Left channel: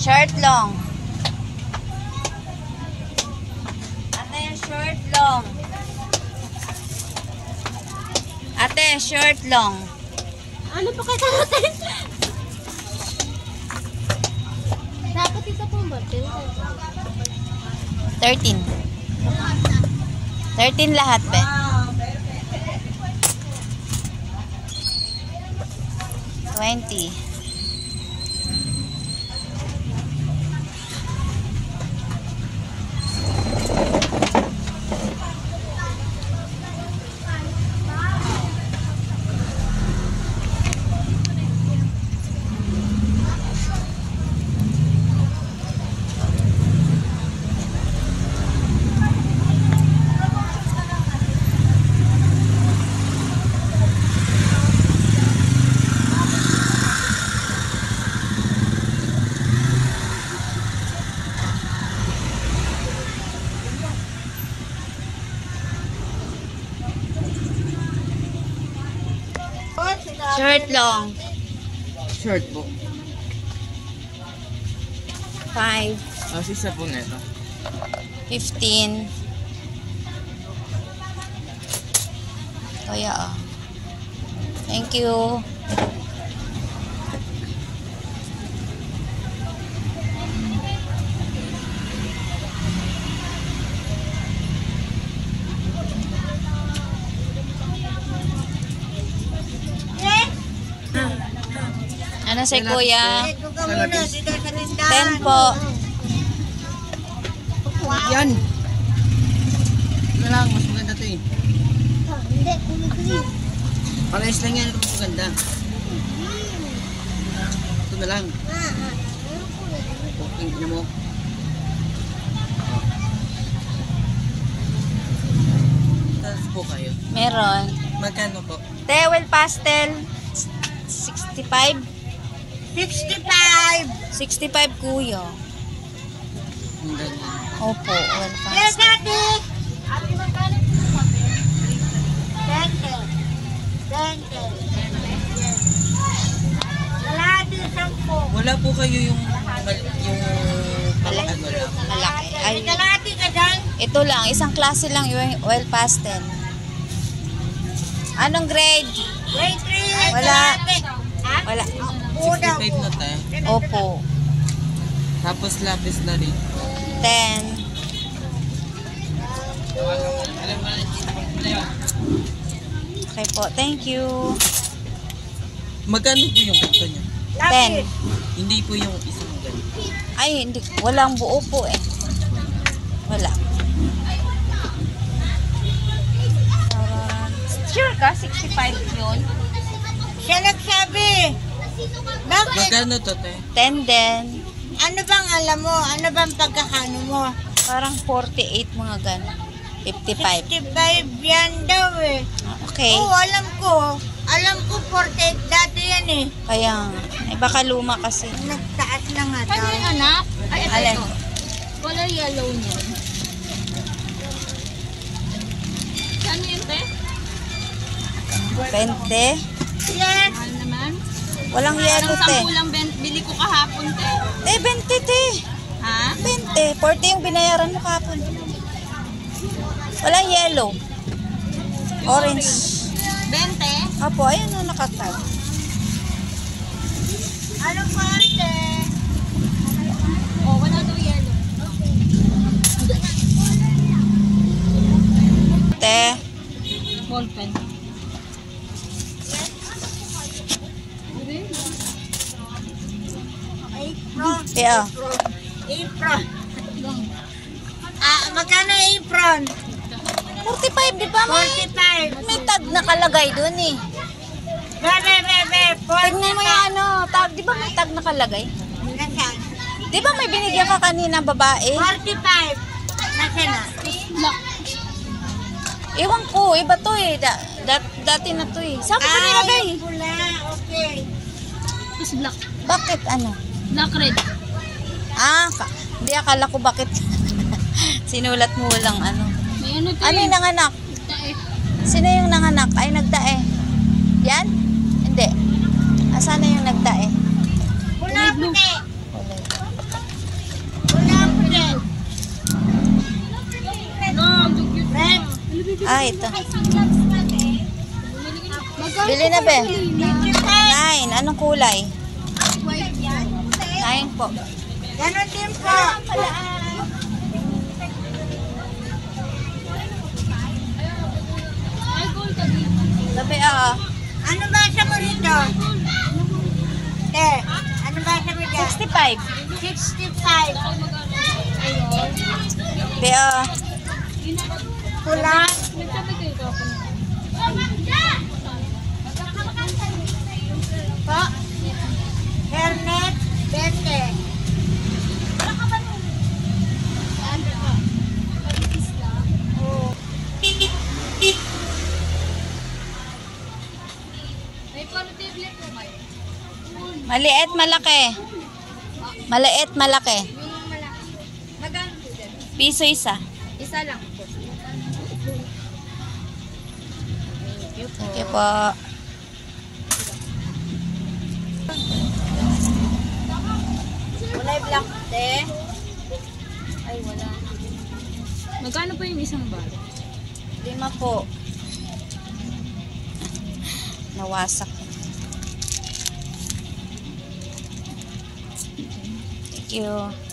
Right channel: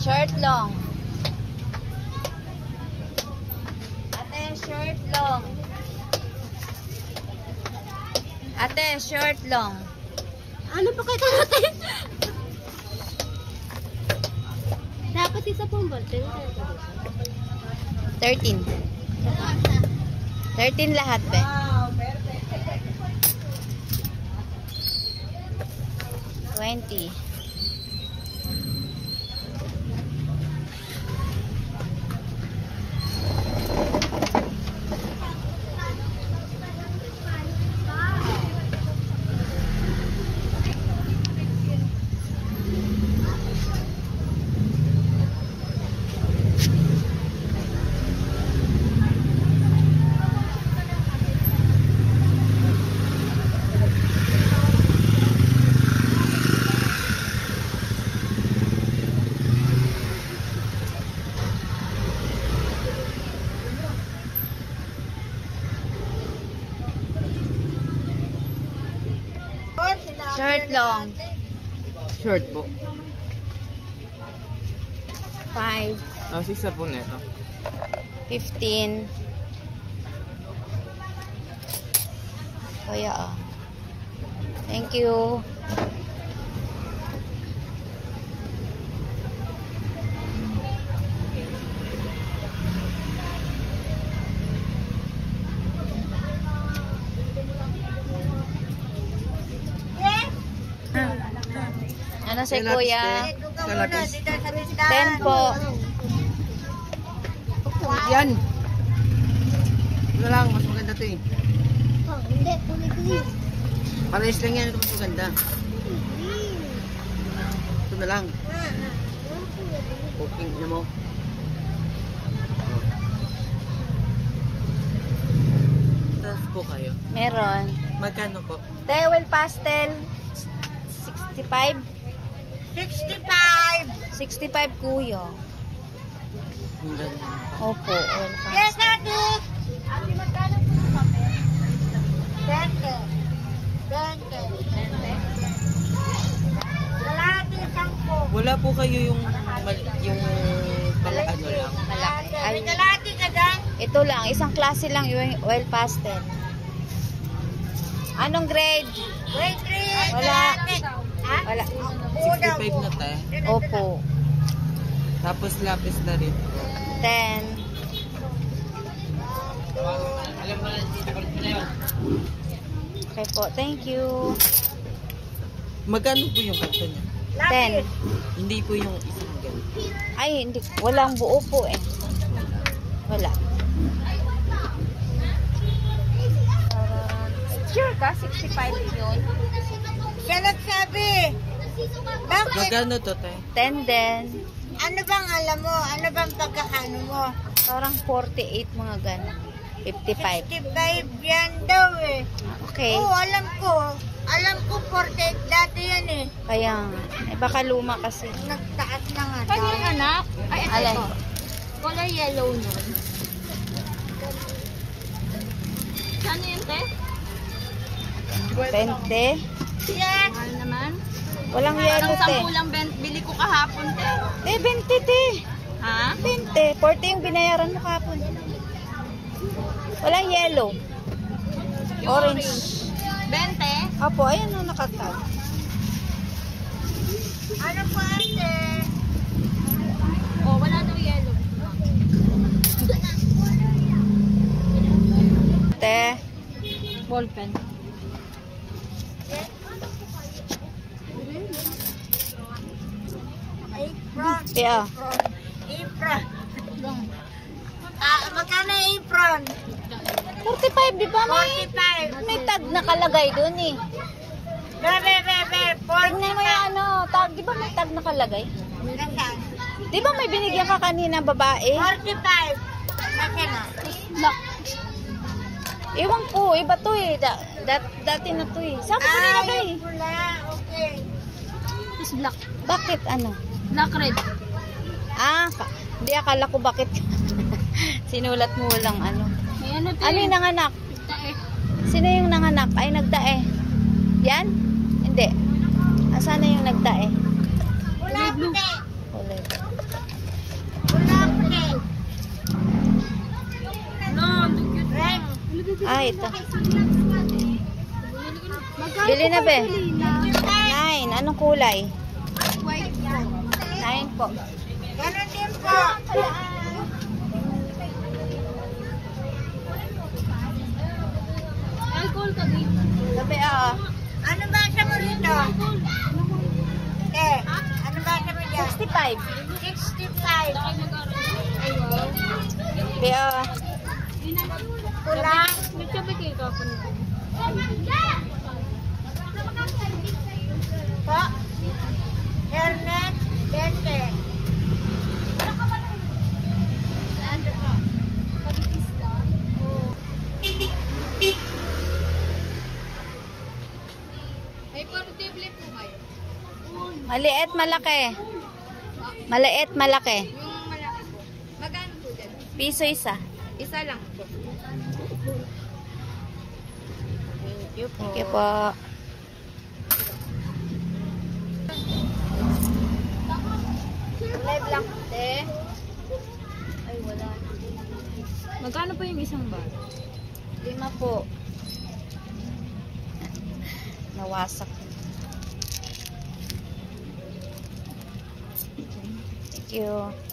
Short long. Ate, short long. Ate, short long. Ano pa kaya natin? Dapat isa po ba? 13. 13 lahat, be. 20. Short long. Short po. 5. Isa po na ito. 15. Kaya thank you. Ano si kuya? 10 po. Yan! Ito lang, mas maganda ito eh. Parehas lang yan, ito mas maganda. Ito na lang. Booking nyo mo. Tapos po kayo. Meron. Magkano po? Tewel pastel. 65. 65 kuya. Yung ganyan. Opo, well Yes, pastel. ate! Ate, magkano po sa papel? 20. 20. Yes. Lalati, 10. Wala po kayo yung malaki Malaki. Ay, May kalati ka dyan? ito lang, isang klase lang yung oil pastel. Anong grade? Grade 3. Wala. Kalati. Ha? Wala. Uda 65 po. na tayo. Opo. Tapos lapis na rin. 10. Okay po, thank you. Magkano po yung ito niya? Lapis. Hindi po yung isang ganito. Ay, hindi, walang buo po eh. Wala. Sure ka? 65 yun? Siya nagsabi. Bakit? Magkano to, te? 10 din. Ano bang alam mo? Ano bang pagkakano mo? Parang 48 mga gano'n. 55. 65 yan daw eh. Okay. Oo, alam ko. Alam ko 48 dati yan eh. Kaya nga. Eh, baka luma kasi. Nagtaas na nga daw. Kanya yung anak? Ay, ito, Alin? ito. Color yellow niya. Ano yun, te? 20. Yes. Mahal naman. Walang yellow, Parang te. 10 lang bili ko kahapon, te. 20, te. Ha? 20. 40 yung binayaran mo kapon. Walang yellow. Orange. 20? Opo, ayun o, nakatag. Ano pa ate? Oh, wala daw yellow. Te. Ball pen. Apron. Te, oh. Apron. Magkano apron? 45, di ba? May 45. tag nakalagay dun eh. Bebe. Tignan mo yung ano, tag, di ba may tag nakalagay? Nasaan? Di ba may binigyan ka kanina babae? 45. Nasaan na? Black. Ewan ko, iba to eh. Dati na to eh. Saan ka nilagay? Pula. Okay. Tapos black. Bakit ano? Black red. Hindi akala ko bakit sinulat mo walang ano. May ano, te? Ano yung nanganak? Tae. Sino yung nanganak? Ay, nagdae. Yan? Hindi. Asan na yung nagdae? Pula puti. Kulay. Ah, ito. Bili na be. 9. Anong kulay? 9 po. Ganon din po. Sabi ah. Ano ba sa mo rito? Ano ba sa mo dyan? 65. 65. Sabi ah. Kulang. Po. Hernet. 20. Maliit, malaki. Maliit, malaki. Piso isa. Isa lang. Sige po. Kulay black din. Magkano pa yung isang bar? 5 po. Nawasak. Thank you.